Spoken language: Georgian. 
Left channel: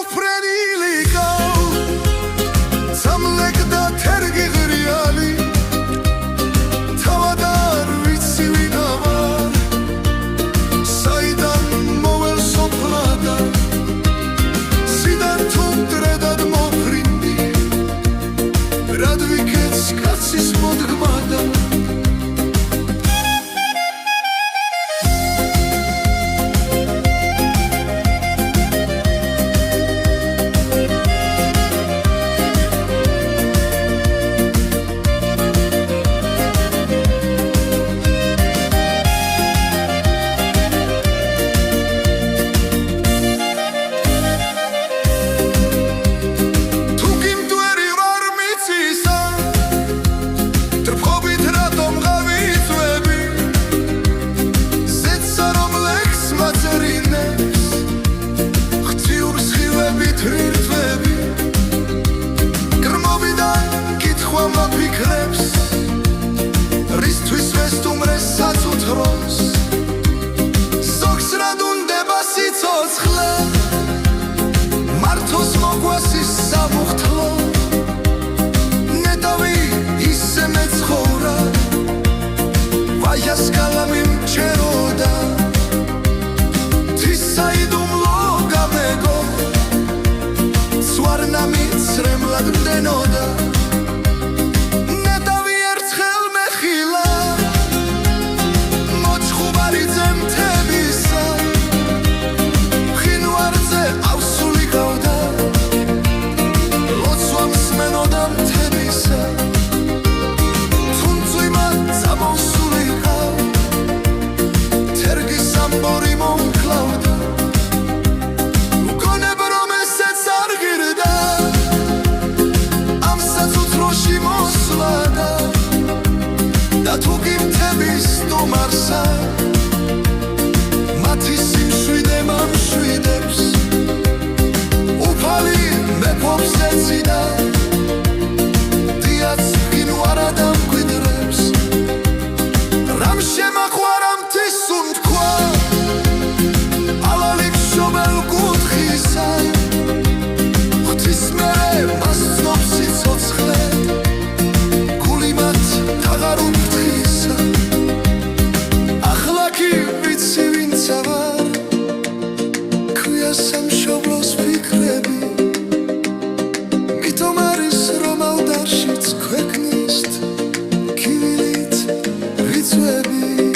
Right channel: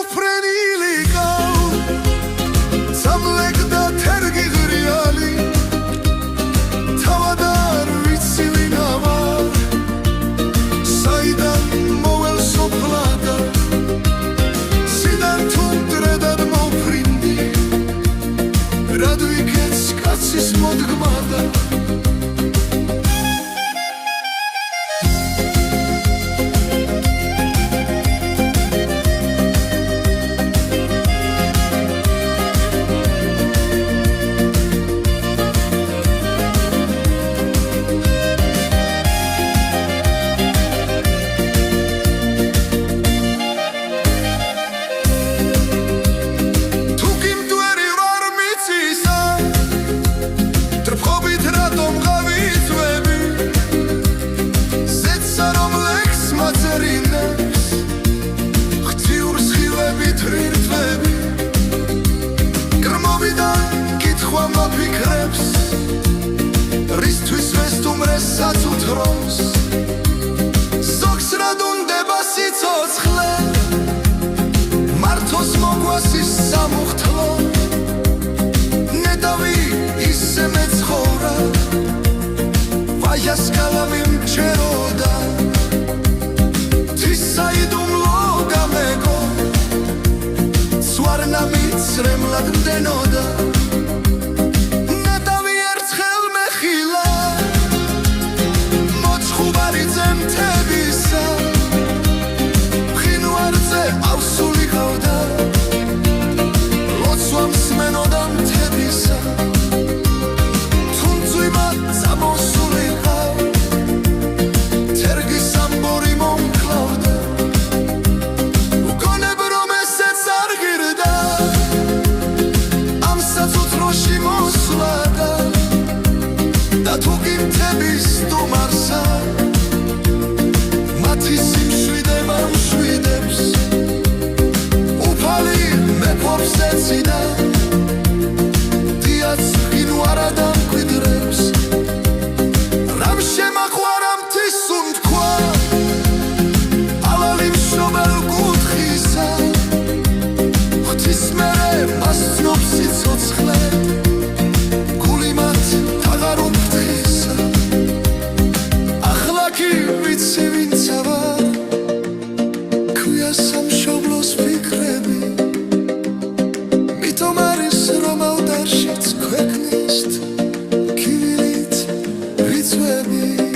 მოფრენილი კალ სამლეკდა თერგი ღრიალი თავად არ ვიცი ვინ ამარ საიდან მოვალ სოფლადა სიდან თუ მტრედად მოფრინდი რად ვიქეც კაცის მოდგმადა თვირთვები კრმობიდან კითხვა მაფიქრებს რისთვის ვესტუმრეს საწუთროს ზოგს რად უნდება სიცოცხლე მართოს მოგვასის სამუხთლო ნეტავი ისე მეცხოვრა ვაიას კალამი მჩეროდა თისაიდუმლო გამეგო სვარნა მიცრემლად მდენოდა ნეტავი ერთხელ მეხილა მოჩხუბარი ძემთებისა ხინვარზე ავსული ყავდა ლოცვა მსმენოდა მთებისა თუნწვიმა წამოსული ყავ თერგის ამბორი მომკლავდა უგონებ რომ ესეც არ ღირდა ამ საწუთროში მოსვლადა და თუ კი მთების სტუმარსა მათი სიმშვიდე მამშვიდებს უფალი მეფობს ეციდან დიაც ხინვარად ამკვიდრებს რამ შემაყვარა მთის უთქვა ალალი მშობელ კუთხისა ღვთის მერე მას ცნობს სიცოცხლე გული მათ აღარ უფრთხისა ახლა კი ვიცი ვინცა ვარ ქვია სამშობლოს ფიქრები მითომ არის რომ ავდარშიც ქვეყნისთ კივილით რიცხვები